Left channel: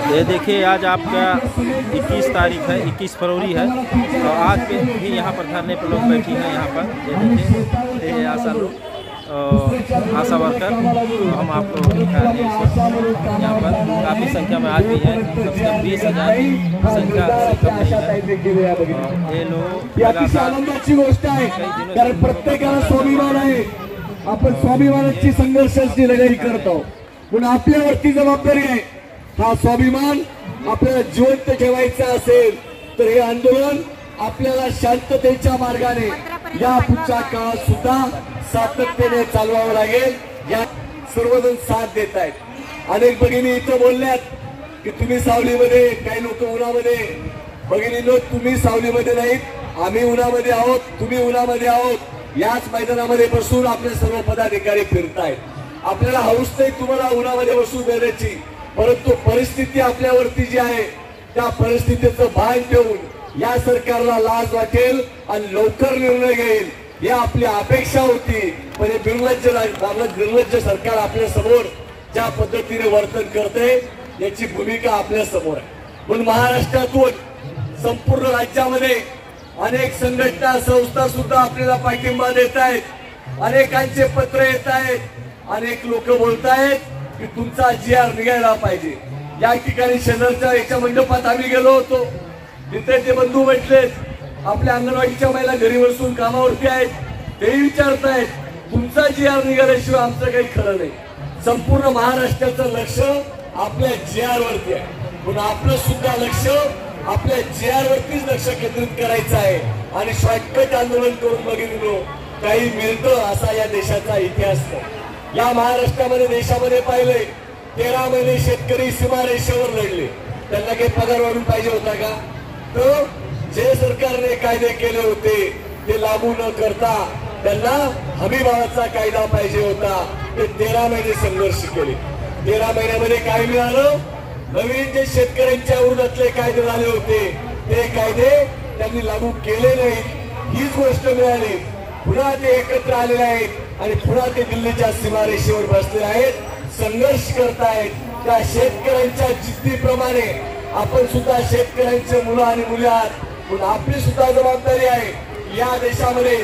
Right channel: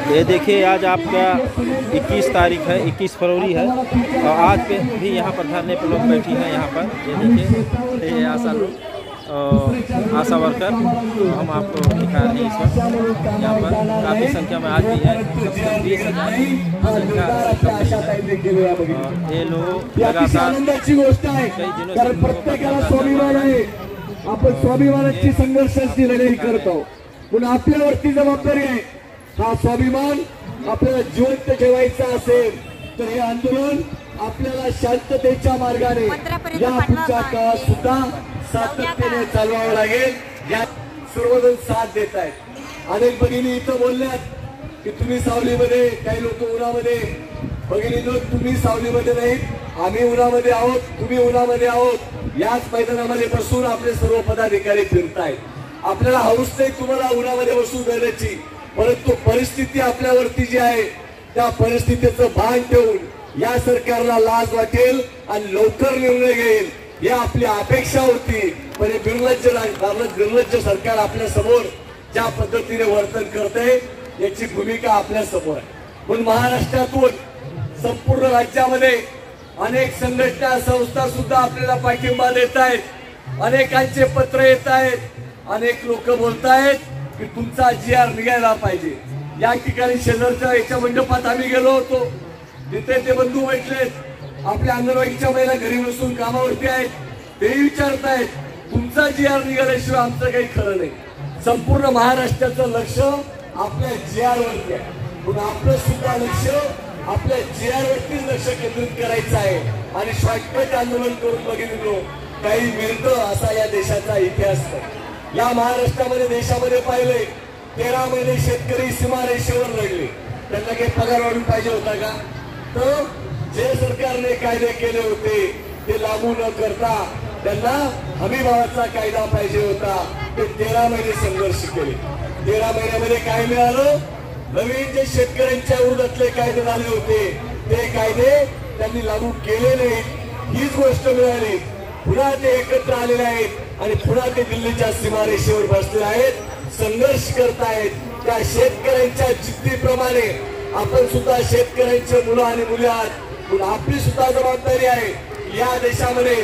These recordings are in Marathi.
ये देखिए आज आपका 21 तारीख है, 21 फरवरी है और आज पे भी यहाँ पर धरने पर लोग बैठी हैं। यहाँ पर ये देखिए ये आशा लोग, आशा वर्कर, हम आपको दिखा रहे हैं इस वक्त। यहाँ पर काफ़ी संख्या में आज भी है, कम से कम 20,000 संख्या से कम नहीं है। और ये लोग लगातार कई दिनों से आपण स्वाभिमानाची संघर्षाची लढाई करतो, पण आपल्यावरती जबाबदारी आहे। हा स्वाभिमान आपल्याला जिवंत ठेवायचा असेल तर हे आंदोलन आपल्याला शांततेच्या मार्गाने या पुढच्या काळात सुद्धा सातत्याने चालवावं लागेल। या सर्वजण साथ देत आहेत। अनेक भगिनी इथं बोलल्यात की तुम्ही सावलीमध्ये, काही लोक उन्हामध्ये। भगिनींनो, तुम्ही सावलीमध्ये नाहीत, आम्ही उन्हामध्ये आहोत, तुम्ही उन्हामध्ये आहोत। याच मैदानामध्ये बसून आपले सर्व पदाधिकारी फिरतायत। आपल्याला हौस नाही तुम्हाला उन्हामध्ये बसून देण्याची, परंतु परिस्थिती आपल्यावरती जी आहे त्या परिस्थितीचं भान ठेवून या सरकारला लाज वाटेल आणि लवकर निर्णय घेईल ही आपली अपेक्षा होती। पण हे निर्लज्ज सरकार आपल्या समोर ज्या पद्धतीने वर्तन करते याची भूमिका आपल्या समोर आहे। पण महाराष्ट्रातून संपूर्ण राज्यामध्ये अनेक संघटना संस्था सुद्धा आपल्याला पाठिंबा देत आहेत। अनेकांचे पत्र येत आहेत, अनेक लोक बोलतायत की तुमचा GR निघायला पाहिजे। या ठिकाणी शेजारच्या एका मंडपात आम्ही गेलो होतो, तिथे जे बंधू भेटले, आपल्या अंगणवाडीच्या महिला घरी बसून कामावरती आहेत, तेही विचारतायत तुमचा GR निघाल्याशिवाय आमचं काही खरं नाही। संपूर्ण महाराष्ट्राचं लक्ष आपल्या GR वरती आहे, पण आपलं सुद्धा लक्ष आपल्या GR वरतीच लक्ष केंद्रित करायचं आहे। आणि शॉर्टकट आंदोलन करून बघितलं काही मिळतं असा या देशाचा इतिहास आहे। या महाराष्ट्रामध्ये देशामध्ये पाहिले 13 महिने शेतकरी सीमारेषेवर लढले, त्यांना काही पगार वाढून पाहिजे होता का? तर जे सरकारने कायदे केले होते ते लागू न करता त्यांना हमीभावाचा कायदा पाहिजे होता। ते 13 महिने संघर्ष केले। 13 महिन्यामध्ये काय मिळालं? नवीन जे शेतकऱ्यांच्या विरोधातले कायदे झाले होते ते कायदे त्यांनी लागू केले नाही, हीच गोष्ट मिळाली। पुन्हा ते एकत्र आलेले आहेत आणि पुन्हा ते दिल्लीच्या सीमारेषेवर बसलेले आहेत, संघर्ष करतायत। त्या शेतकऱ्यांच्या जिद्दीप्रमाणे आपण सुद्धा शेतकऱ्यांचे मुलं आणि मुली आहात, पण आपली सुद्धा जबाबदारी आहे या देशामध्ये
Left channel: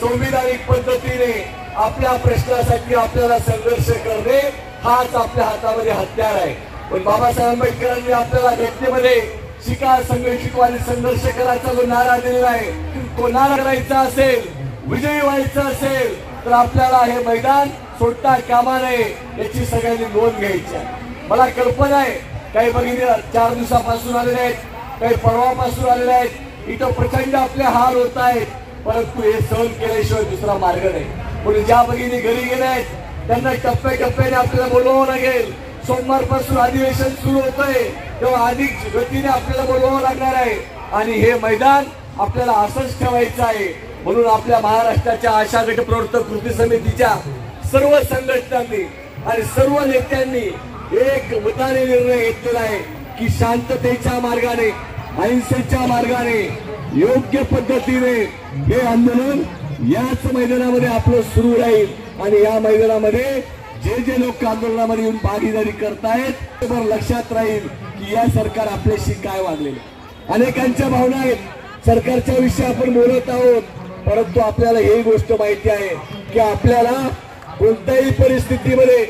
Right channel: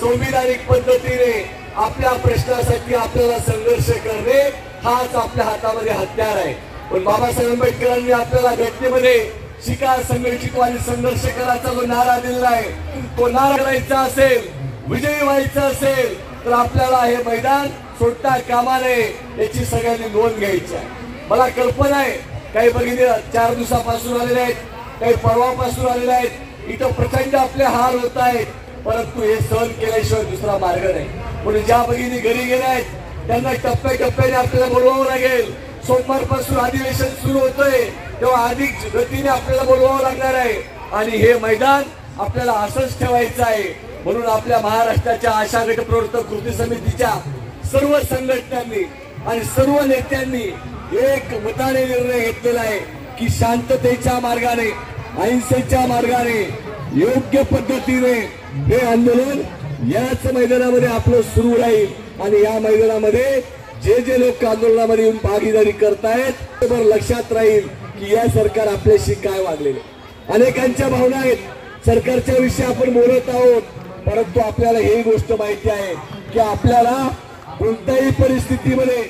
संविधानिक पद्धतीने आपल्या प्रश्नासाठी आपल्याला संघर्ष करणे हाच आपल्या हातामध्ये हत्यार आहे। पण बाबासाहेब आंबेडकरांनी आपल्याला घटनेमध्ये शिका, संघर्षित आणि संघर्ष करायचा जो नारा दिलेला आहे, तो नारा करायचा असेल, विजयी व्हायचं असेल तर आपल्याला हे मैदान सोडता कामा नये याची सगळ्यांनी नोंद घ्यायची आहे। मला कल्पना आहे काही भगिनी 4 दिवसापासून आलेले आहेत, काही परवापासून आलेले आहेत, इथं प्रचंड आपले हाल होत आहेत, परंतु हे सहन केल्याशिवाय दुसरा मार्ग नाही। म्हणून ज्या भगिनी घरी गेल्या आहेत त्यांना टप्प्याटप्प्याने आपल्याला बोलवावं लागेल। सोमवारपासून अधिवेशन सुरू होतंय तेव्हा अधिक गतीने आपल्याला बोलवावं लागणार आहे आणि हे मैदान आपल्याला असंच ठेवायचं आहे। म्हणून आपल्या महाराष्ट्राच्या आशा गट प्रवर्तक कृती समितीच्या सर्व संघटनांनी आणि सर्व नेत्यांनी एक मताने निर्णय घेतलेला आहे की शांततेच्या मार्गाने, अहिंसेच्या मार्गाने, योग्य पद्धतीने हे आंदोलन याच मैदानामध्ये आपलं सुरू राहील। आणि या मैदानामध्ये जे लोक आंदोलनामध्ये येऊन भागीदारी करतायत तर लक्षात राहील की या सरकार आपल्याशी काय वागलेलं। अनेकांच्या भावना आहेत, सरकारच्या विषयी आपण बोलत आहोत, परंतु आपल्याला ही गोष्ट माहिती आहे की आपल्याला कोणत्याही परिस्थितीमध्ये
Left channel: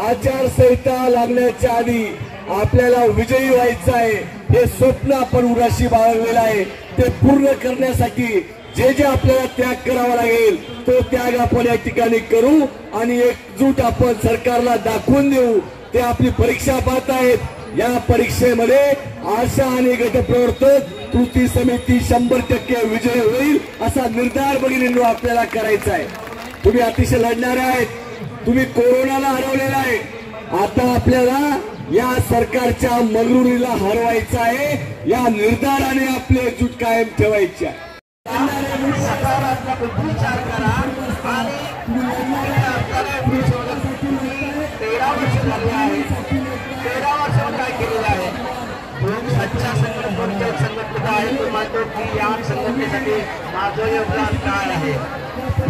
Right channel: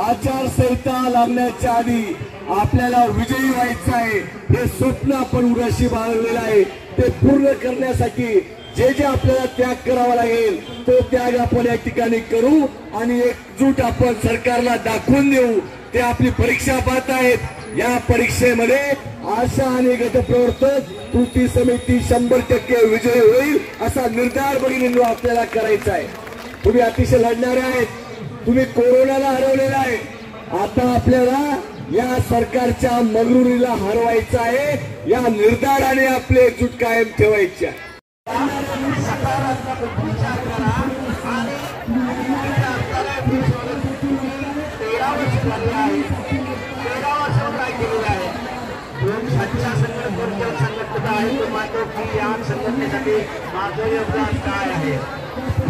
आचारसंहिता लागण्याच्या आधी आपल्याला विजयी व्हायचं आहे। हे स्वप्न आपण उराशी बाळगलेलं आहे, ते पूर्ण करण्यासाठी जे आपल्याला त्याग करावा लागेल तो त्याग आपण या ठिकाणी करू आणि एकजूट आपण सरकारला दाखवून देऊ। ते आपली परीक्षा पाहत आहेत, या परीक्षेमध्ये आशा आणि गटप्रवर्तक कृती समिती 100% विजय होईल असा निर्धार भगिनींनो आपल्याला करायचा आहे। तुम्ही अतिशय लढणारे आहेत, तुम्ही कोरोनाला हरवलेला आहे, आता आपल्याला या सरकारच्या मंगरुळीला हरवायचं आहे। या निर्धाराने आपली एकजूट कायम ठेवायची आहे।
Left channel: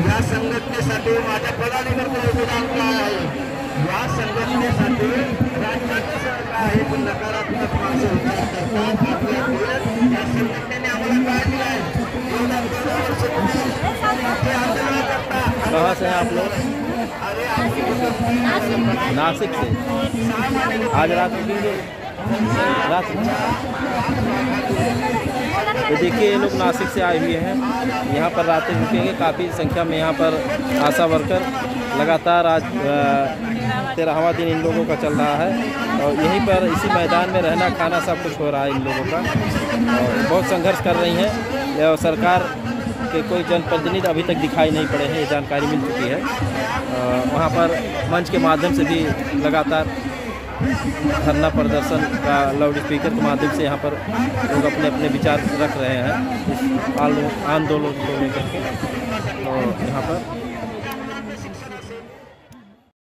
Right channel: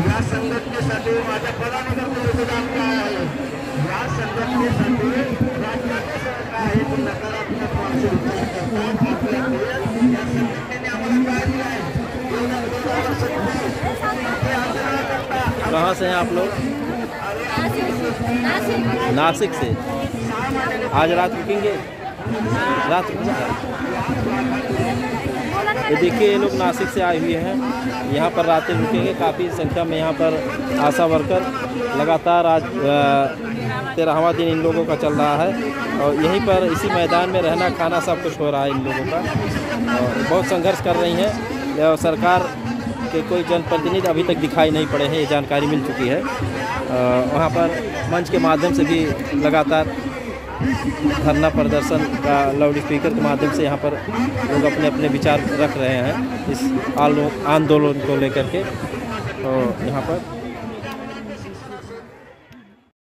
या संघटनेसाठी माझ्या पदाधिकाऱ्यांचं योगदान काय आहे, या संघटनेसाठी राज्याचं आहे नकारात्मक कहाँ से हैं आप लोग? नासिक से। आज रात रुकेंगे? रात तो देखिए ये लोग नासिक से आए हुए हैं, यहाँ पर रातें रुकेंगे। काफ़ी संख्या में यहाँ पर आशा वर्कर लगातार आज 13वां दिन इन लोगों का चल रहा है और यहीं पर इसी मैदान में रहना खाना सब कुछ हो रहा है इन लोगों का और बहुत संघर्ष कर रही हैं और सरकार के कोई जनप्रतिनिधि अभी तक दिखाई नहीं पड़े हैं, ये जानकारी मिल चुकी है। वहाँ पर मंच के माध्यम से भी लगातार धरना प्रदर्शन का लाउड स्पीकर के माध्यम से यहाँ पर लोग अपने अपने विचार रख रहे हैं इस आंदोलन को लेकर के। और यहाँ पर